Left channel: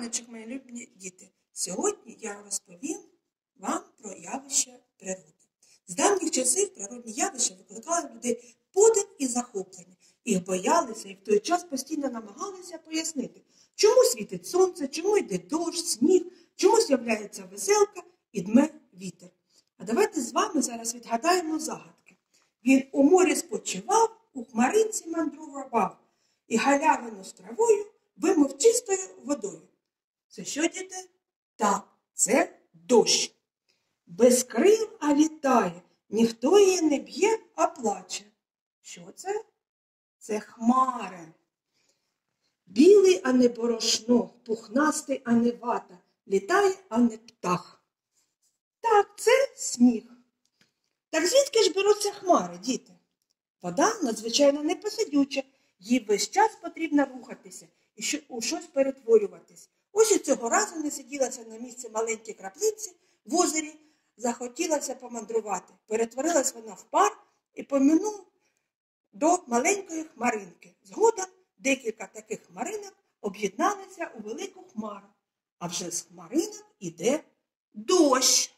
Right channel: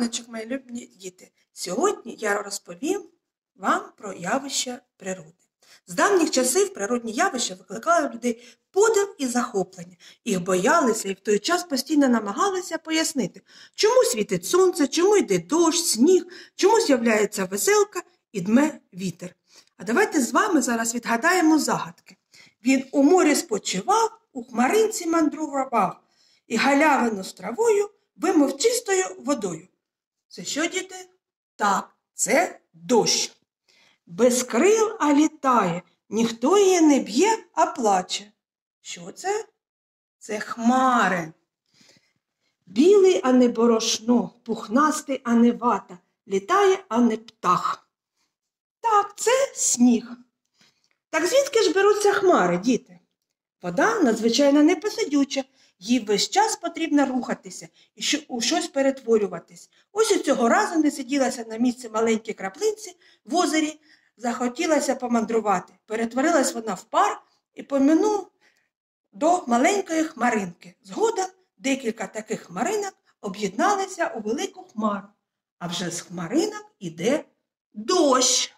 раночок, мої любні діти! Сьогодні я розповім вам про явища природи. З давніх часів природні явища викликали в людей подив і захоплення. Їх боялися і в той час постійно намагалися пояснити, чому світить сонце, чому йде дощ, сніг, чому з'являється веселка і дме вітер. А давайте з вами зараз відгадаємо загадки. Він у морі спочивав, у хмаринці мандрував, і галявину з травою вимив чистою водою. Це що, діти? Так, це дощ. Без крил, а літає, ніхто її не б'є, а плаче. Що це? Це хмари. Білий, а не борошно, пухнастий, а не вата, літає, а не птах. Так, це сніг. Так звідки ж беруться хмари, діти? Вода надзвичайно непосидюча, їй весь час потрібно рухатися і у щось перетворюватись. Ось і цього разу не сиділася на місці маленькій краплинці в озері, захотілося помандрувати. Перетворилась вона в пар і поминув до маленької хмаринки. Згодом декілька таких хмаринок об'єдналися у велику хмару. А вже з хмаринок іде дощ.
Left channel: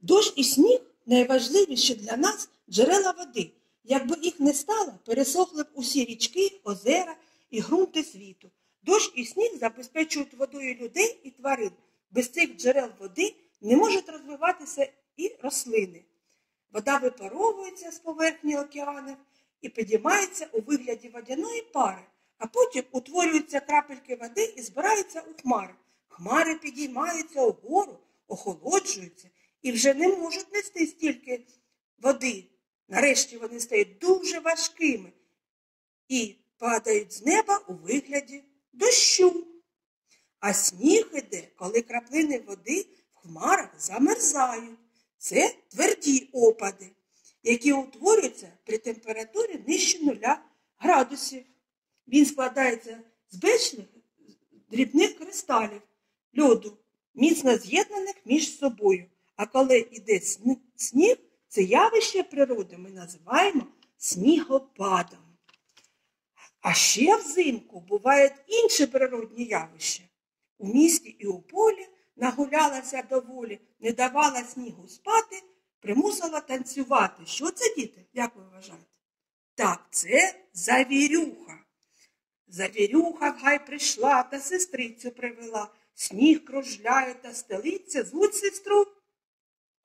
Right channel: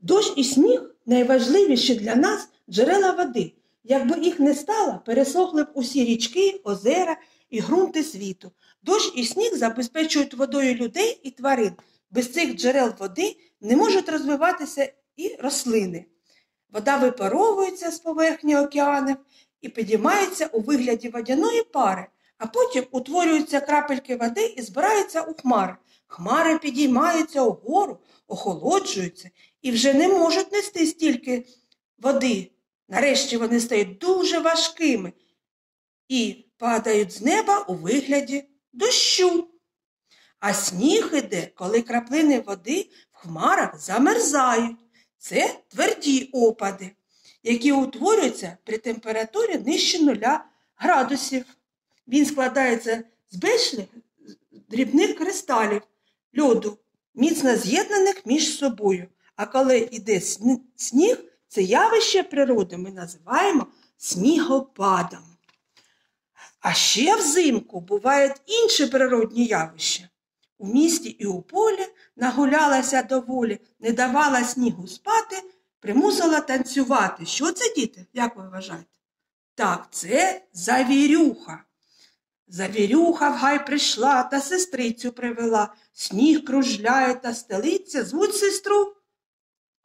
Дощ і сніг – найважливіші для нас джерела води. Якби їх не стало, пересохли б усі річки, озера і ґрунти світу. Дощ і сніг забезпечують водою людей і тварин. Без цих джерел води не можуть розвиватися і рослини. Вода випаровується з поверхні океанів і підіймається у вигляді водяної пари, а потім утворюються крапельки води і збираються у хмари. Хмари підіймаються угору, охолоджуються і вже не можуть нести стільки води. Нарешті вони стають дуже важкими і падають з неба у вигляді дощу. А сніг іде, коли краплини води в хмарах замерзають. Це тверді опади, які утворюються при температурі нижче 0 градусів. Він складається з безлічних дрібних кристалів льоду, міцно з'єднаних між собою. А коли йде сніг, це явище природи ми називаємо снігопадом. А ще взимку бувають інші природні явища. У місті і у полі нагулялася доволі, не давала снігу спати, примусила танцювати. Що це, діти? Як ви вважаєте? Так, це завірюха. Завірюха в гай прийшла та сестрицю привела. Сніг кружляє та стелиться, звуть сестру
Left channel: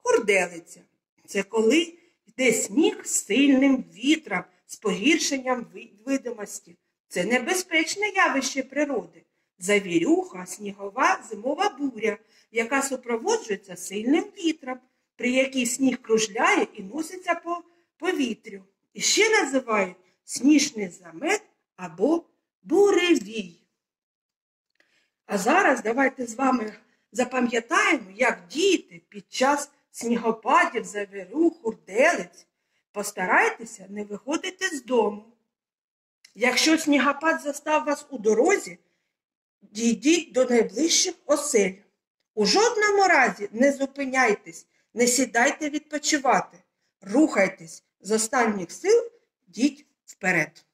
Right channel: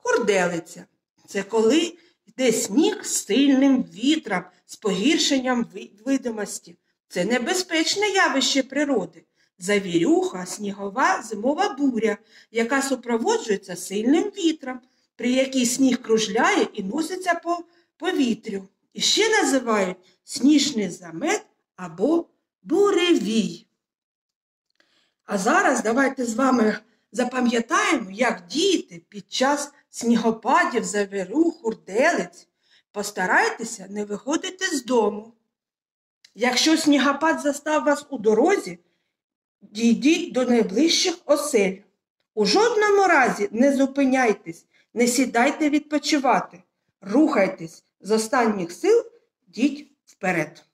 Курделиця. Це коли йде сніг з сильним вітром, з погіршенням видимості. Це небезпечне явище природи. Завірюха – снігова зимова буря, яка супроводжується сильним вітром, при якій сніг кружляє і носиться по повітрю. І ще називають сніжний замет або буревій. А зараз давайте з вами запам'ятаємо, як діти під час снігопадів, завірюх, хурделиць постарайтеся не виходити з дому. Якщо снігопад застав вас у дорозі, дійдіть до найближчих осель. У жодному разі не зупиняйтесь, не сідайте відпочивати. Рухайтесь з останніх сил, йдіть вперед.